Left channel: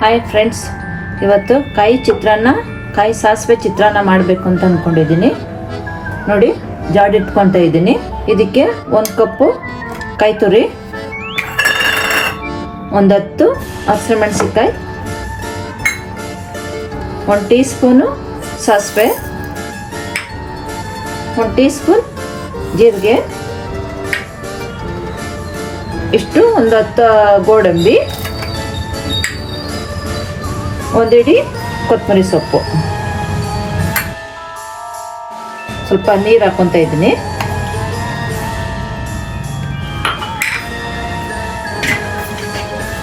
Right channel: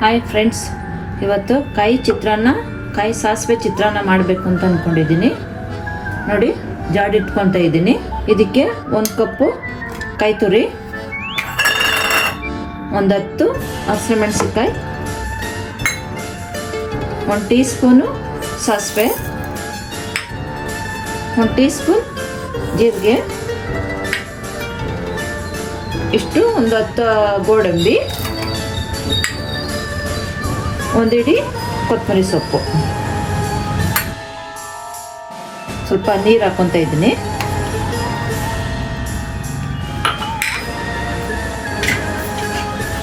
Hi friends, ಇವತ್ತು ಕಾಯಿ ಸಾಸಿವೆ ಚಿತ್ರಾನ್ನ ಮಾಡಬೇಕು ಅಂತ ಅಂದ್ಕೊಂಡಿದ್ದೀನಿ. ನೋಡಿ, ಜಾಡಿಟ್ಕೊತಾ ಇದ್ದೀನಿ. ಇದಕ್ಕೆ 1 ಕಪ್ಪು ಕಾಯಿ ತುರಿ, 10 ಹಸಿಮೆಣಸಿನ್ಕಾಯಿ, 1 ಟೀ ಸ್ಪೂನು ಸಾಸಿವೆ, 1 ಟೀ ಸ್ಪೂನ್ ಜೀರಿಗೆ, ಇಷ್ಟು 10 ಗೋಡಂಬಿ, 1 ಹಿಡಿ ಕೊತ್ತಂಬರಿ ಸೊಪ್ಪು. ಸ್ವಲ್ಪ ನೀರು ಹಾಕೊತಾ ಇದ್ದೀನಿ.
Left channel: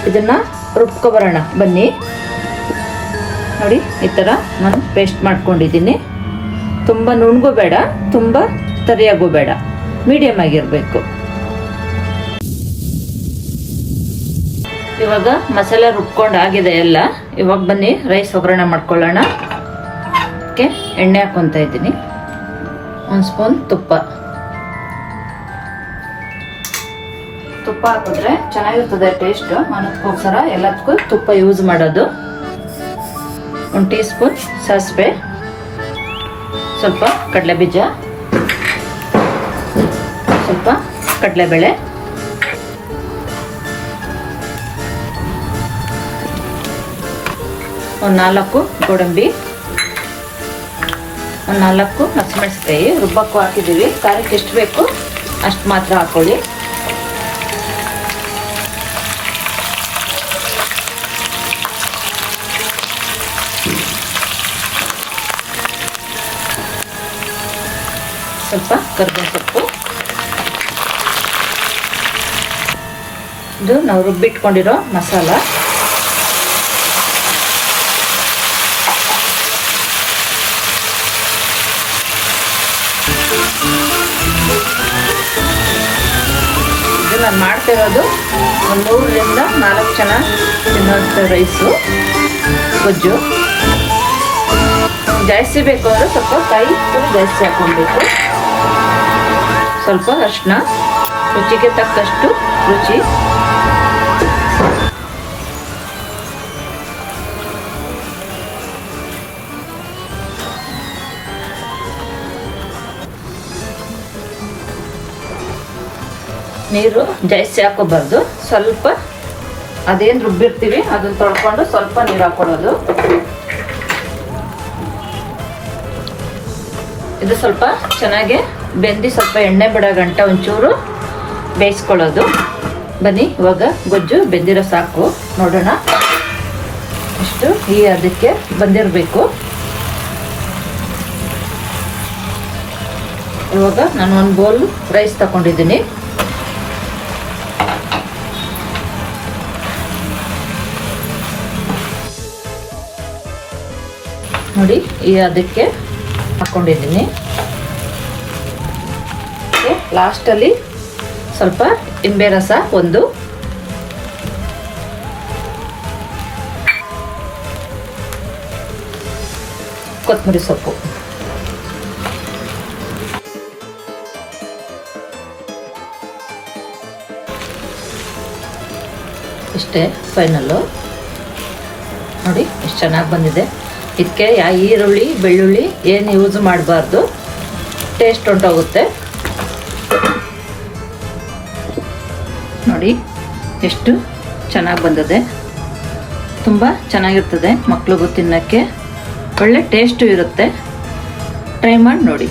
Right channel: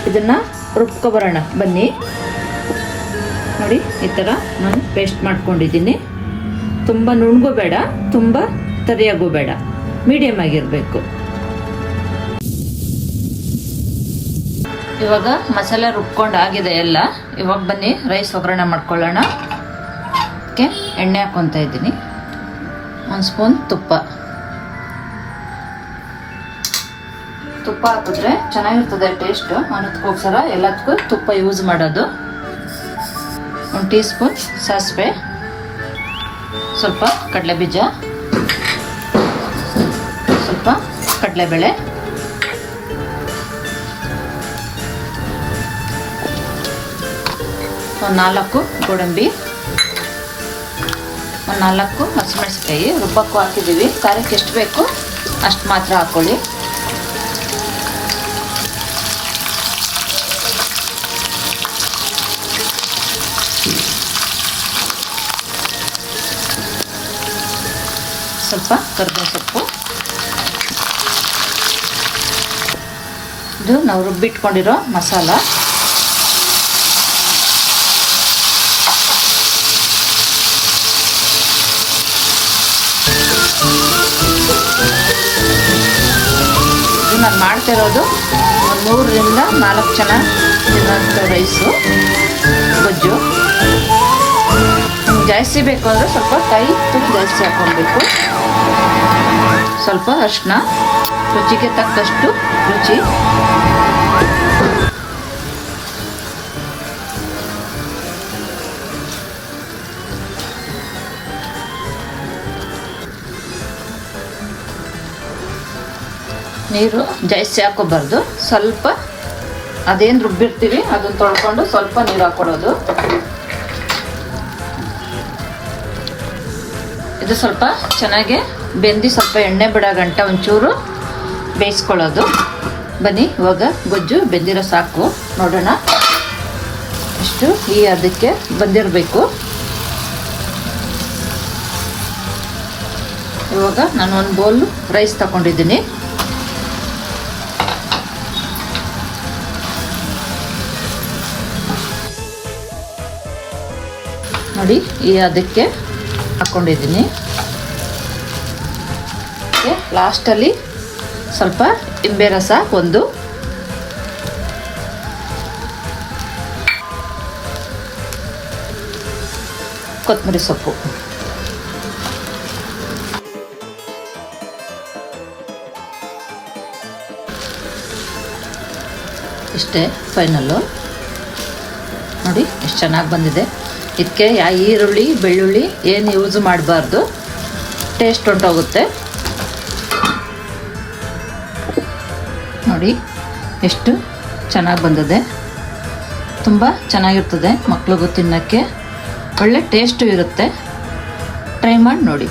ಇದನ್ನ ರುಬ್ಕೊಬರೋಣ ಬನ್ನಿ. ನೋಡಿ, ಈ ಥರ ನಾನು ಪೇಸ್ಟ್ ಮಾಡ್ಕೊಂಡಿದ್ದೀನಿ. ತುಂಬ ನುಣ್ಣಗೂ ಬೇಡ, ತುಂಬ ತರಿಯಾಗೂ ಬೇಡ, ಮೀಡಿಯಮ್ ಆಗಿರಬೇಕು. ಇವಾಗ ಮಸಾಲೆ ರುಬ್ಕೊಂಡು ಆಗಿದೆ ಎಲ್ಲ. ಇವಾಗ ಬನ್ನಿ ರೈಸ್ ಒಗ್ಗರಣೆ ಮಾಡ್ಕೊಳ್ಳೋಣ. ಅದಕ್ಕೆ ಎಣ್ಣೆ ಹಾಕ್ಕೊತಾ ಇದ್ದೀನಿ. 1 ಸ್ಪೂನ್ ತುಪ್ಪ ಹಾಕಿದ್ರೆ ಚೆನ್ನಾಗಿರ್ತದೆ ಟೇಸ್ಟ್. ಅದಕ್ಕೋಸ್ಕರ ಎಲ್ಲದಕ್ಕೂ ತುಪ್ಪ ಯೂಸ್ ಮಾಡೋದು. 1 ಟೀ ಸ್ಪೂನ್ ಸಾಸಿವೆ, ಸ್ವಲ್ಪ ಕಡಲೆಬೀಜ, ಸ್ವಲ್ಪ ಕಡಲೆಬೇಳೆ, ಒಂದು 4 ಗೋಡಂಬಿ, ಒಂದು 4 ಹಸಿಮೆಣಸಿನ್ಕಾಯಿ ರುಬ್ಬಕ್ಕೂ ಹಾಕಿದ್ದೀವಿ. ಖಾರಕ್ಕೆ ಎಷ್ಟು ಬೇಕು ಅಷ್ಟು ಮಾತ್ರ ಹಾಕೊಳ್ಳಿ. ಸ್ವಲ್ಪ ಕರಿಬೇವು ಸೊಪ್ಪು. ಇದು ನಾವು ರುಬ್ಬಿಟ್ಕೊಂಡಿರೋ ಮಸಾಲ. ಇದು ನಾನು ಮಾಡ್ತಿರೋದು 3 ರಿಂದ 4 ಜನ ತಿನ್ನೋಂಥ ರೈಸು, ಗೊಜ್ಜು. ಜಾಸ್ತಿ ಬೇಕು ಅಂದರೆ ಸ್ವಲ್ಪ ಕಾಯಿ ತುರಿ ಜಾಸ್ತಿ ಹಾಕೊಳ್ಬೇಕು. ಸ್ವಲ್ಪ ಅರಿಶಿನ, ರುಚಿಗೆ ತಕ್ಕಷ್ಟು ರುಚಿ. ನೀರು ಜಾಸ್ತಿ ಹಾಕೋಬಾರ್ದು, ಸ್ವಲ್ಪ ಅದೇನು ರುಬ್ಬಿರ್ತೀವಿ ಅದನ್ನು ತೊಳ್ಕೊಂಡು ಸ್ವಲ್ಪ ನೀರು ಹಾಕೊಳ್ಳೋದು. ಇದು ಸ್ವಲ್ಪ ಚೆನ್ನಾಗಿ ಬೆಂದಿ ಸ್ವಲ್ಪ ಎಣ್ಣೆ ಬಿಡೋ ಗಂಟ ಒಂಚೂರು ಬೇಯಿಸ್ಕೊಳ್ಳೋದು. ಬನ್ನಿ, ಇವಾಗ ಗೊಜ್ಜು ಬೆಂದಿರೋ ಸಾಕು. ನೋಡೋಣ ಇಷ್ಟು ಅದಕ್ಕೆ ಬಂದಿರಬೇಕು. ಇವಾಗ ನಾನು 1 ಬೌಲ್ ರೈಸ್ ತಗೊಂಡಿದ್ದೀನಿ. ನೋಡಿ, ಅದಕ್ಕೆ ಹಾಕ್ಕೊಂಡಿದ್ದೀನಿ. ಲಾಸ್ಟಲ್ಲಿ ಸ್ವಲ್ಪ ನಿಂಬೆ ರಸ, 1 ಕೊತ್ತಂಬರಿ ಸೊಪ್ಪು. ಇಷ್ಟೇ ಫೈನಲ್ಲು. ನೋಡಿ ಎಷ್ಟು ಚೆನ್ನಾಗಿ ಬಂದಿದೆ. ಇದಕ್ಕೆ ಈರುಳ್ಳಿ ಬೆಳ್ಳುಳ್ಳಿ ಏನು ಯೂಸ್ ಮಾಡಬಾರ್ದು, ಟೇಸ್ಟ್ ಹೊಂಟೋಗುತ್ತೆ. ನೋಡಿ ಎಷ್ಟು ಚೆನ್ನಾಗಿ ಬಂದಿದೆ. ತುಂಬ ಚೆನ್ನಾಗಿರ್ತದೆ, ಮಕ್ಳಿಗೂ ತಿನ್ನೋಕ್ಕೆ ಒಳ್ಳೆ ಟೇಸ್ಟು ಇರುತ್ತೆ. ಟ್ರೈ ಮಾಡಿ ನೋಡಿ.